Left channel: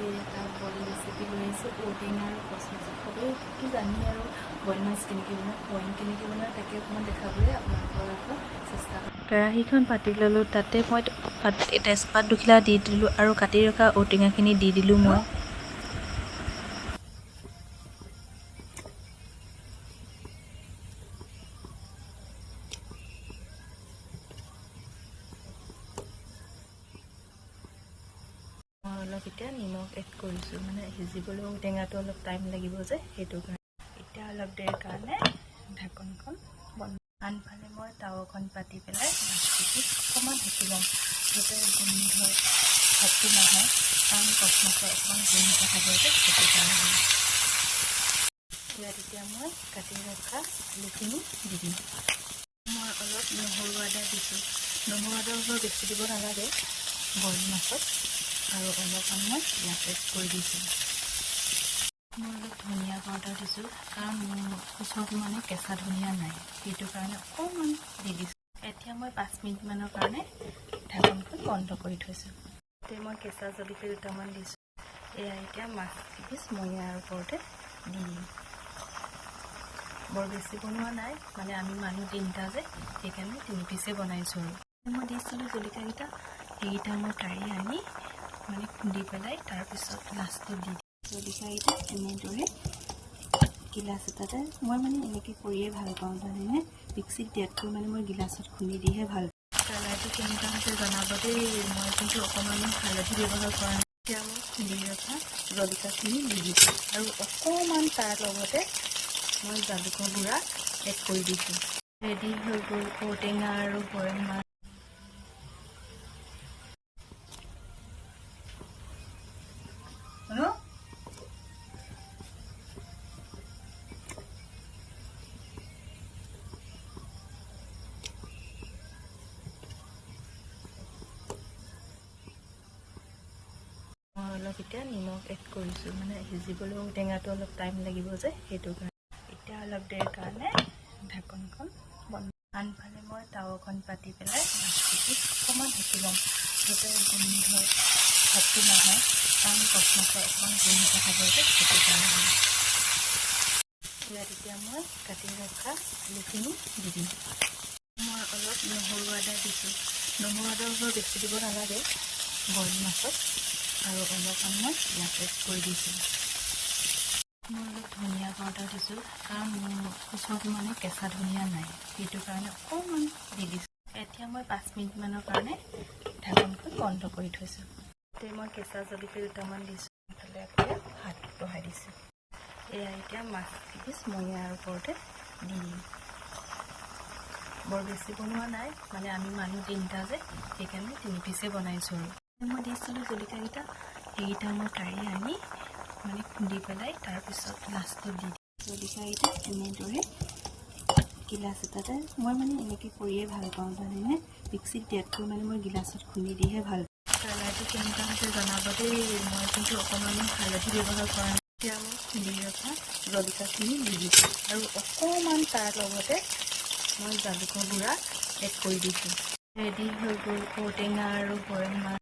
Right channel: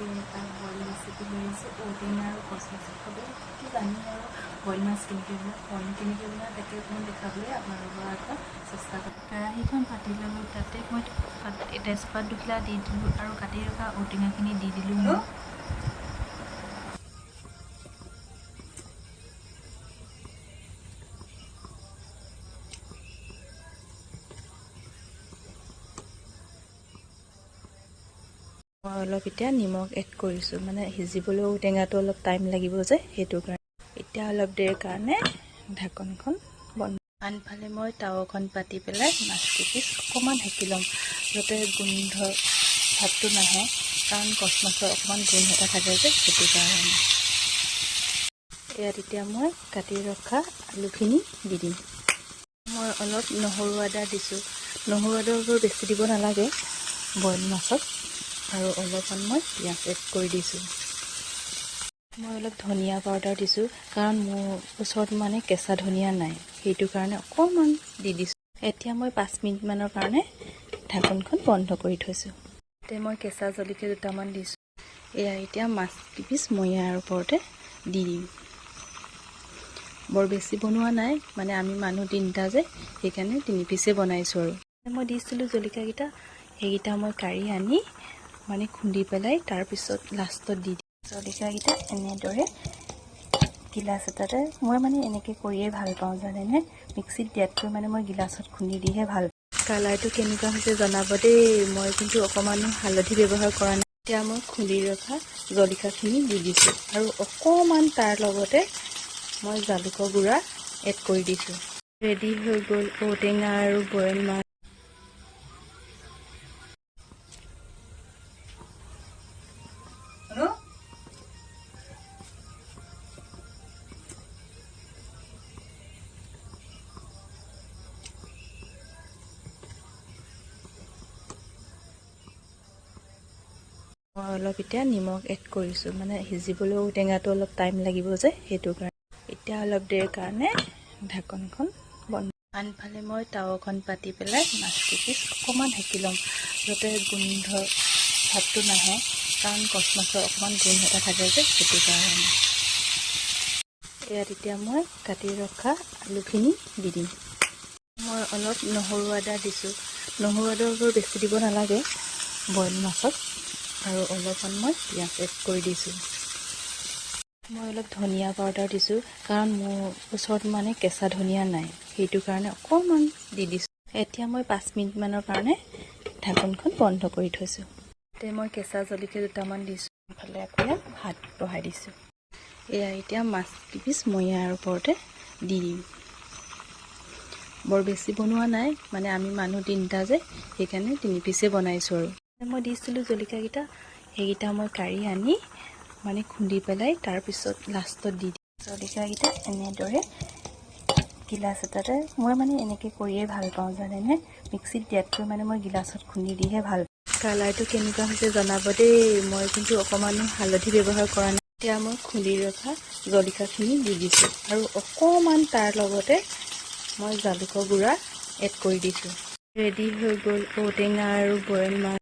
আজি এটা boil recipe লৈ আহিছোঁ ঔটেঙা আৰু কচ মাছ সবেইতো জানি আৰু বইল মাছ কেনেকৈ বনায় তাকে অকণমান দেখাবলৈ আপোনালোকৰ আগত চেষ্টা কৰিম। কেৰাহীখন পাতি ল'লোঁ, তাতে মই তেজপাত দুখিলা দি দিলোঁ আৰু কাটি ৰখা ঔটেঙাখিনি দি দিলোঁ মই। মই অলপ এতিয়া নিমখ এড কৰিছোঁ, মানে সিজিবলৈ ঔটেঙাটো অলপ টাইম লাগিব যে সেইটো কাৰণে। এতিয়া অলপ দেৰিৰ কাৰণে ঢাকনখন বন্ধ। আনফালে মই টাৱাখন পাতি পেলাই মাছটো অকণমান ঢাকি ল'ম, যাতে গোন্ধ ভাতটো নাহে, কাৰণ কচ মাছৰ অকণমান গোন্ধ এটা থাকে যে সেইটো কাৰণে। ইয়াত এতিয়া মই কাটি ৰখা আলুখিনি দি দিম। মই অলপ নহৰু আদা দিছোঁ, নহৰু আদাবোৰ বেছি দিব নালাগে বইল মাছত। আৰু অলপমান মই পিঁয়াজ এড কৰি দিছোঁ। মই অলপ ধনিয়া পাউডাৰ দিছোঁ, কাৰণ মোৰ ওচৰত মানে কেঁচা ধনিয়া নাই, সেইটো কাৰণে অকণমান দি দিছোঁ। এতিয়া মই 5 মিনিটমানৰ কাৰণে ঢাকনখন বন্ধ কৰি থৈছোঁ। এতিয়া মই কেঁচা জলকীয়া দুটামান দিছোঁ। এয়া এতিয়া মাছ কিপিচ মই ইয়াৰ ওপৰতে দি দিম। বৰ বেছি বনোৱা নাই, মানে আমি মানুহ 3টা যে সেইকাৰণে 3 পিচে বনাইছোঁ। আৰু মই দিছিলোঁ জলকীয়াকেইটা, সেইকেইটা মই কাঢ়ি আনি মানে খুন্দি পেলাই তাৰপিছত লাষ্টত দি দিম। জলকীয়াকেইটা এনেদৰে গিলাচ এটাতে মই মানে এনেকৈ কৰিয়ে ভাল পাওঁ জানেনে, মিক্সিত দিয়াতকৈ মানে মই গিলাচত খুন্দি দিহে ভাল পাওঁ। কালাৰটো কেনেকুৱা হৈছে জনাব দেই, মই কিন্তু অকণমানো হালধি ব্যৱহাৰ কৰা নাই। এতিয়া মই খুন্দি ৰখা জলকীয়াখিনি দি দিছোঁ আৰু অকণমান তাৰ লগতে মই জালুকৰ গুড়া এড কৰি দিছোঁ। ৰেডি হৈ গ'ল ঔটেঙা আৰু বইল মাছ। মই অলপ এতিয়া নিমখ এড কৰিছোঁ, মানে সিজিবলৈ ঔটেঙাটো অলপ টাইম লাগিব যে সেইটো কাৰণে। এতিয়া অলপ দেৰিৰ কাৰণে ঢাকনখন বন্ধ। আনফালে মই টাৱাখন পাতি পেলাই মাছটো অকণমান ঢাকি ল'ম, যাতে গোন্ধ ভাতটো নাহে, কাৰণ কচ মাছৰ অকণমান গোন্ধ এটা থাকে যে সেইটো কাৰণে। ইয়াত এতিয়া মই কাটি ৰখা আলুখিনি দি দিম। মই অলপ নহৰু আদা দিছোঁ, নহৰু আদাবোৰ বেছি দিব নালাগে বইল মাছত। আৰু অলপমান মই পিঁয়াজ এড কৰি দিছোঁ। মই অলপ ধনিয়া পাউডাৰ দিছোঁ, কাৰণ মোৰ ওচৰত মানে কেঁচা ধনিয়া নাই, সেইটো কাৰণে অকণমান দি দিছোঁ। এতিয়া মই 5 মিনিটমানৰ কাৰণে ঢাকনখন বন্ধ কৰি থৈছোঁ। এতিয়া মই কেঁচা জলকীয়া দুটামান দিছোঁ, ইফালে আকৌ ভাত বহাই দিছোঁ। এয়া এতিয়া মাছ কিপিচ মই ইয়াৰ ওপৰতে দি দিম। বৰ বেছি বনোৱা নাই, মানে আমি মানুহ 3টা যে সেইকাৰণে 3 পিচে বনাইছোঁ। আৰু মই দিছিলোঁ জলকীয়াকেইটা, সেইকেইটা মই কাঢ়ি আনি মানে খুন্দি পেলাই তাৰপিছত লাষ্টত দি দিম। জলকীয়াকেইটা এনেদৰে গিলাচ এটাতে মই মানে এনেকৈ কৰিয়ে ভাল পাওঁ জানেনে, মিক্সিত দিয়াতকৈ মানে মই গিলাচত খুন্দি দিহে ভাল পাওঁ। কালাৰটো কেনেকুৱা হৈছে জনাব দেই, মই কিন্তু অকণমানো হালধি ব্যৱহাৰ কৰা নাই। এতিয়া মই খুন্দি ৰখা জলকীয়াখিনি দি দিছোঁ আৰু অকণমান তাৰ লগতে মই জালুকৰ গুড়া এড কৰি দিছোঁ। ৰেডি হৈ গ'ল ঔটেঙা আৰু বইল মাছ।